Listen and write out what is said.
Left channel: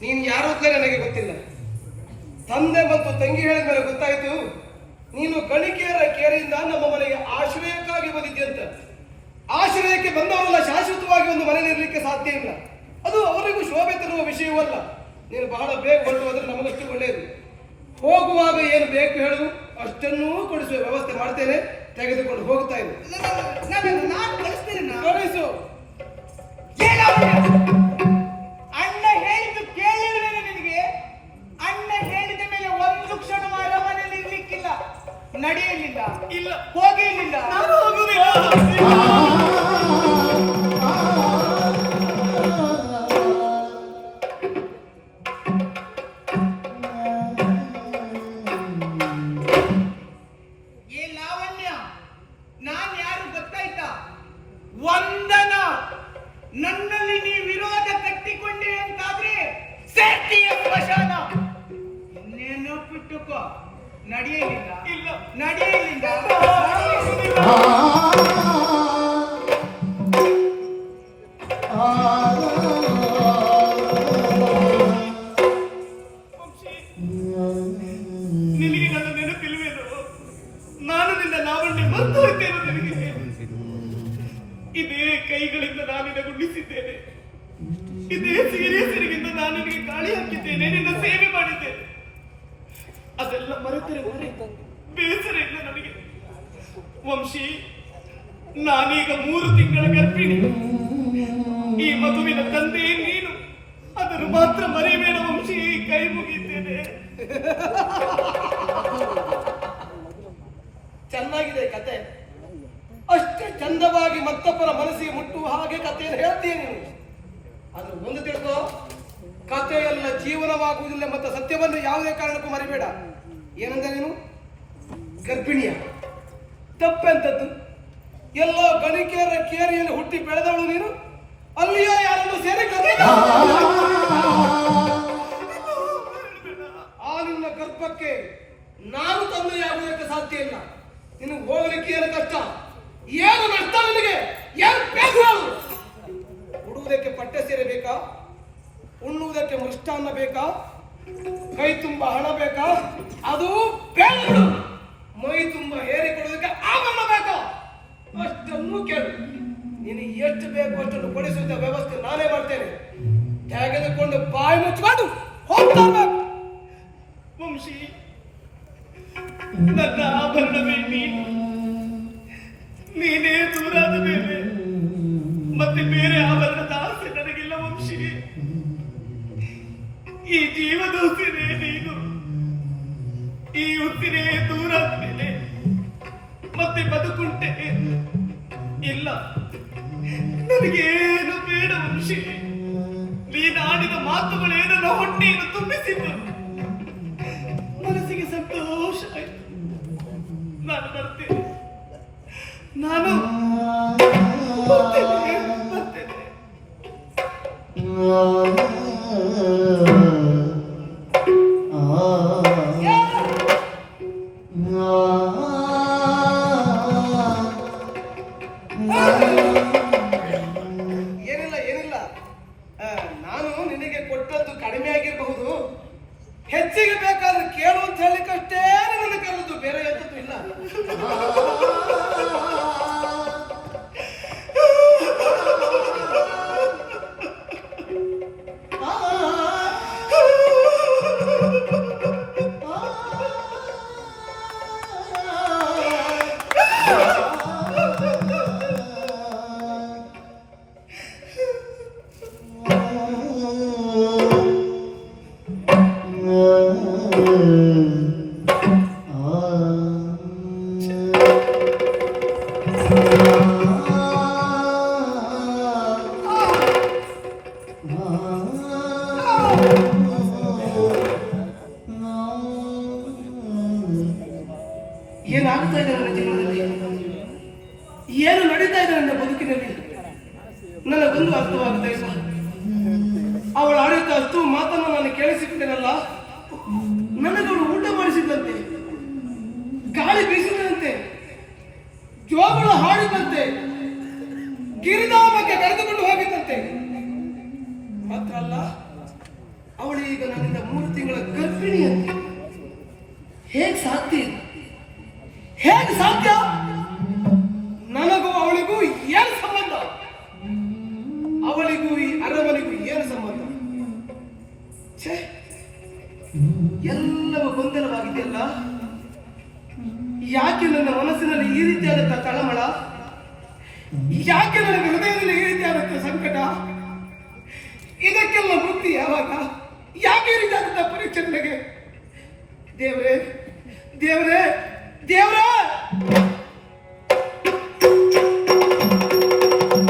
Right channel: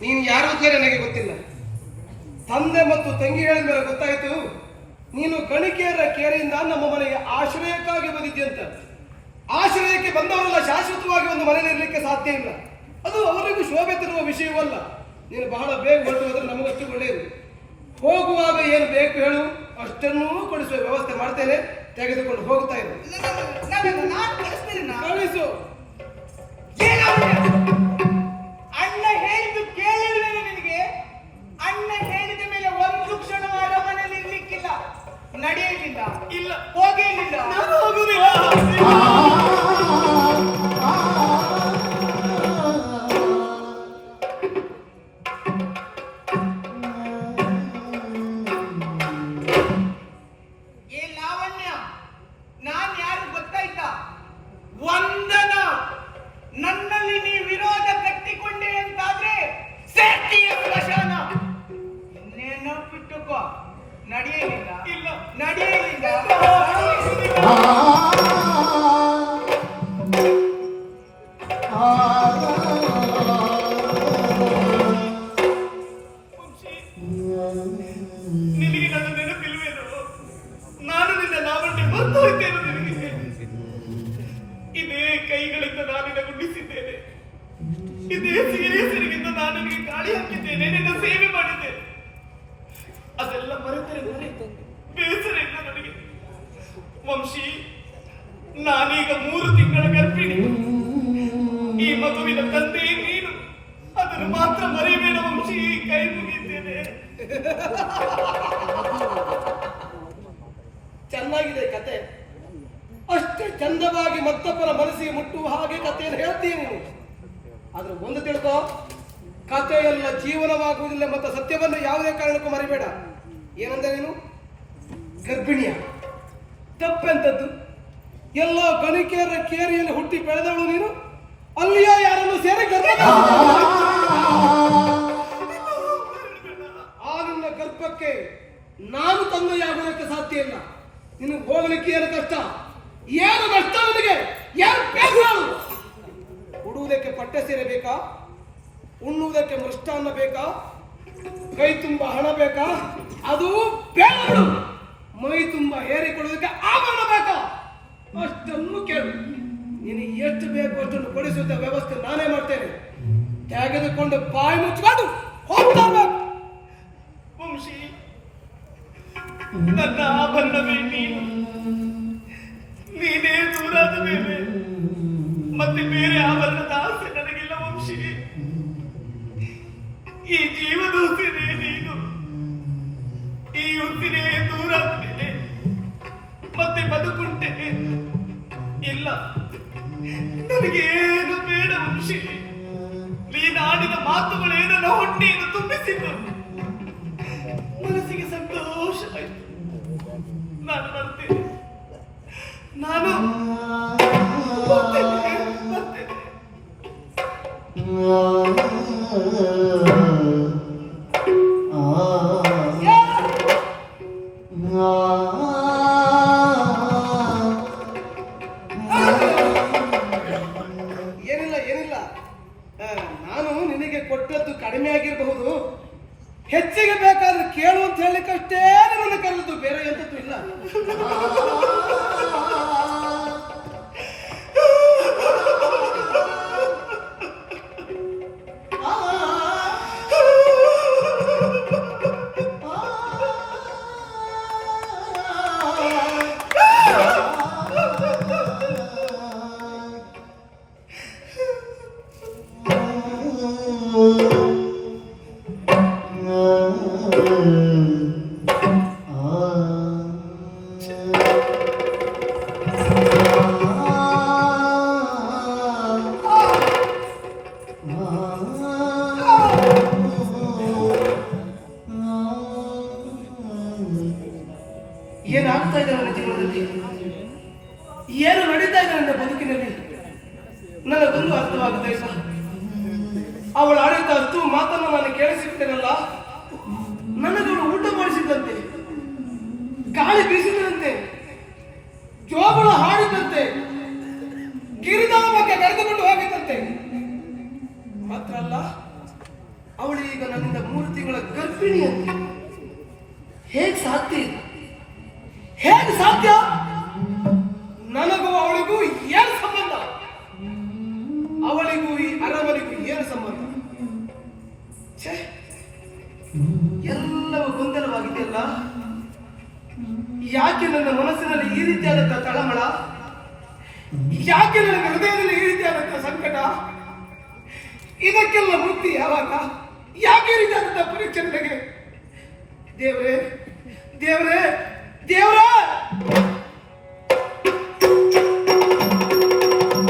ನೀನು ಯಾರು ಅಂತ ನನಗೆ ಗೊತ್ತಿಲ್ಲ. ತಂದೆ ಮತ್ತು ತಂಗಿ ಹೇಳಿದ ಮೇಲೆ ಗೊತ್ತಾಯಿತು ನೀನು ಗಣಿಕೆಯರ ಕೇರೆಯಿಂದ ನಮ್ಮ ಮನೆಗೆ ಆಶ್ರಯಕ್ಕಾಗಿ ಬಂದಿದ್ಯಂತ. ಆಶ್ರಯಕ್ಕೆ ಬಂದವರೆಲ್ಲ ಶಾಶ್ವತವಾಗಿ ಒಂದು ಮನೆಯಲ್ಲಿ ಇರಲಿಕ್ಕೆ ಸಾಧ್ಯ ಇಲ್ಲ. ಅದು ಅವರಿಗೂ ಶೋಭೆ ತರುವ ವಿಷಯವಲ್ಲ. ನೀನು ಬಹಳ ಬೇಗ ಹೊರಟು ಹೋದ್ರೆ ನಮಗಷ್ಟು ಒಳ್ಳೆಯದು. ಹೋಗುವಾಗ ಏನು ಬೇಕು ಹೇಳು, ಅಷ್ಟನ್ನೂ ಕೊಡಿಸುವ ವ್ಯವಸ್ಥೆ ಮಾಡ್ತೇನೆ. ತೆಗೆದುಕೊಂಡು ಹೋಗ್ತಾ ಇರು. ನಾನು ಕಳಿಸ್ತೇನೆ. ಕಳಿಸು. ಅಣ್ಣ ಹೇಳಿದ್ದು ಕೇಳಿಲ್ವೇ ನಿನಗೆ? ಅಣ್ಣ ಹೇಳಿದ ಮೇಲೆ ಒಂದು ಕ್ಷಣ ಮನೆಯಲ್ಲಿ ಇರ್ಲಿಕ್ಕಿಲ್ಲ, ನಡೆಯಲಿಲ್ಲ, ಇಲ್ಲ ಹೋಗಲಿಲ್ಲ. ನಾನು ಹೋಗುವುದಿಲ್ಲ. ನನ್ನಲ್ಲಿ ನೀ ವಿರೋಧ ಕಟ್ಟಿಕೊಂಡೆ ಅಂತಾದ್ರೆ ಸೇರ್ತೀಯ ಸ್ಮಶಾನ. ನೆನಪಿಟ್ಟುಕೋ, ನಡೆಯಲಿಲ್ಲ, ಇಲ್ಲ ನಡೆಯಲಿಲ್ಲ. ನಿನಗೆ ನನ್ನ ನೆನಪಿಲ್ವೇನು? ನಾನು ನಿನ್ನ ಲಾವಣ್ಯ ಮರೆತು ಹೋಯ್ತೇನೆ. ನಿನಗೆ ಇದೇ ಕೈಗಳಿಂದ ನಾನಿನ ಗುಂಡಿಸಿದ್ದೇನೆ, ಇದೇ ಸೀರೆ ಸೆರಗಿಂದ ನಾನು ನಿನಗೆ ಗಾಳಿ ಹಾಕಿದ್ದೇನೆ, ನಿನ್ನ ಸೇವೆ ಮಾಡಿದ್ದೇನೆ. ಅದೆಲ್ಲ ಮರೆತರೆ ಬೇಸರ ಇಲ್ಲ ನನಗೆ. ವಂಶಿ, ನಾನೀಗ 3 ತಿಂಗಳ ಗರ್ಭಿಣಿ. ಈ ಮಗುವಿನ ತಂದೆ ನೀನು, ಅದನ್ನು ಮಾತ್ರ ಮರೆಯಬೇಡ ವಂಶಿ. ಕೈ ಮುಗಿದ್ದೇನೆ. ಚೆನ್ನಾಗಿದೆ ಕತೆ. ಅಷ್ಟೇ ಚಂದವಾಗಿ ಮತ್ತೊಬ್ಬರ ಮನಸ್ಸಿಗೆ ಮುಟ್ಟುವ ಹಾಗೆ ಕಥೆಯನ್ನು ಹೇಳ್ತೀನಿ ನೀನು. ಆದ್ರೆ ಒಂದು ತಿಳ್ಕೋ, ಕಥೆಯೆಲ್ಲ ಜೀವನವಾಗುವುದಿಲ್ಲ ಮತ್ತು ಸತ್ಯವನ್ನು ಯಾವುದೇ ಕಾರಣಕ್ಕೂ ಮರಿಬೇಡ. ಏನಂದ್ರೆ ನೀನು ಗರ್ಭಿಣಿಯ ತಪ್ಪೆಂತದ್ದು? ಎಲ್ಲೋ ಗಣಿಕೆಯರ ಕೇರಿಯಲ್ಲಿ ಹುಟ್ಟಿ ಬೆಳೆದವಳು ನೀನು. ಅಲ್ಲಿಯೋ ಯಾರನ್ನು ಸೇರಿ ಆ ನಿನ್ನ ಗರ್ಭಕ್ಕೆ ನಾನು ತಂದೆಯಾಗುವುದಕ್ಕೆ ಸಾಧ್ಯ ಇಲ್ಲ. ನಿನಗೆ ಹೋಗಲಿಕ್ಕೆ ಏನು ಕಷ್ಟ, ಏನು ನಷ್ಟ ನಿನಗೆ? ಏನು ಬೇಕು? ಉಡುವುದಕ್ಕೆ ಪಟ್ಟೆ ಸೀರೆ ಬೇಕಾ? ಉಣ್ಣುವುದಕ್ಕೆ ಮೃಷ್ಟಾನ್ನ ಬೇಕಾ? ಕೈ ತುಂಬ ಹಣ ಬೇಕಾ? ಅದು ಬೇಡ. ಮೈ ತುಂಬ ಹೇರಿಕೊಳ್ಳುವುದಕ್ಕೆ ಆಭರಣ ಬೇಕಾ? ಅಷ್ಟನ್ನು ಕೇಳು. ನಿನಗೆ ಎಷ್ಟು ಬೇಕು ಅಷ್ಟನ್ನು ಕೊಡಿಸುವ ವ್ಯವಸ್ಥೆ ನಾನೇ ಮಾಡ್ತೇನೆ. ತೆಗೆದುಕೊಂಡು ಬಾಯಿ ಮುಚ್ಚಿಕೊಂಡು ಹೋಗ್ತಾ ಇರ್ಬೇಕು. ವಂಶಿ, ನನ್ನ ಆಭರಣವೇ ನೀನು. ನೀನೇ ದೂರಾದ ಮೇಲೆ ಮತ್ತೆ ಬೇರೆ ಆಭರಣದ ಆಸೆ ನನಗಿಲ್ಲ ವಂಶಿ. ಈ ಜೀವದ ಉಸಿರೇ ನೀನು. ಈ ಉಸಿರೇ ದೂರಾದ ಮೇಲೆ ಮತ್ತೆ ಬದುಕುಂಟೆ ಇಲ್ಲ. ನನಗೇನು ಬೇಡ ವಂಶಿ. ನೀನಾಡಿದ ಮಾತುಗಳೇನು ನನ್ನ ಹೊಟ್ಟೆಯನ್ನು ತುಂಬಿಸಿದ್ದು. ಮನಸ್ಸಿಗೆ ಸಂತೋಷ ಆಯ್ತು. ನಾನು ಬರ್ತೇನೆ. ನಾನು ಏನಿಲ್ಲ. ನಾನು ನಿನಗೆ ಕೊಟ್ಟದ್ದು ಕಡಿಮೆ ಆಗಿರಬಹುದು. ಹೆಚ್ಚಿಗೆ ಬೇಕಾದ್ರೆ ಕೇಳು ಅಂತ ಹೇಳಿಕಷ್ಟೇ ನನ್ನ ಕರೆದು, ಬೇರೆ ಎಂತದ್ದು ಇಲ್ಲ. ಏನಾಗ್ತಾ ಇದೆ ನನ್ನ ಜೀವನದಲ್ಲಿ? ಏನು ನಡೀತಾ ಇದೆ ನನ್ನ ಬದುಕಿನಲ್ಲಿ? ನನಗೊಂದು ಅರ್ಥವಾಗುತ್ತೆ ಸರ್. ಅವಳು ಆಡಿದ ಅಷ್ಟು ಮಾತನ್ನು ನಾನು ಕೇಳಿಸಿಬಿಟ್ಟೆನಲ್ಲ. ನನಗಳು ಊಟ ಮಾಡಿಸಿದ್ದಂತೆ, ಗಾಳಿ ಬೀಸಿದಂತೆ, ಜೋಗಳ ಹಾಡಿದಂತೆ, ಗಿರಿಧಾಮಕ್ಕೆ ಕರೆದುಕೊಂಡು ಹೋಗಿದ್ದಂತೆ. ಮಾತ್ರ ಅಲ್ಲ, ಅವಳ ಈಗ ನನ್ನಿಂದ 3 ತಿಂಗಳ ಗರ್ಭಿಣಿಯಂತೆ. ಹೇಗೆ ಸಾಧ್ಯ ಇದು? ಹೇಗೆ ಸಾಧ್ಯ? ನನಗೂ ಅವಳಿಗೂ ಏನು ಸಂಬಂಧ? ಅವಳಿಗೂ ಈ ಅರಮನೆಗೂ ಏನು ಸಂಬಂಧ? ಛೇ, ಎಲ್ಲವೂ ಗೊಂದಲವಾಗಿದೆಯಲ್ಲ. ಯಾಕೆ ನನ್ನ ಮನಸ್ಸಿನಲ್ಲಿ ಈ ರೀತಿಯಾದಂತಹ ತಳಮಳ? ಯಾಕೆ ನನ್ನ ಹೃದಯದಲ್ಲಿ ಈ ರೀತಿಯಾದಂತಹ ಸಂಕಟ? ಇದಕ್ಕೆಲ್ಲ ಬುದ್ಧಿ ಯಾವಾಗ? ಯಾಕೆ ಈ ರೀತಿಯಾದಂತಹ ಪರೀಕ್ಷೆ ನನಗೆ? ದೇವರೇ ದೇವರೇ ದೇವರೇ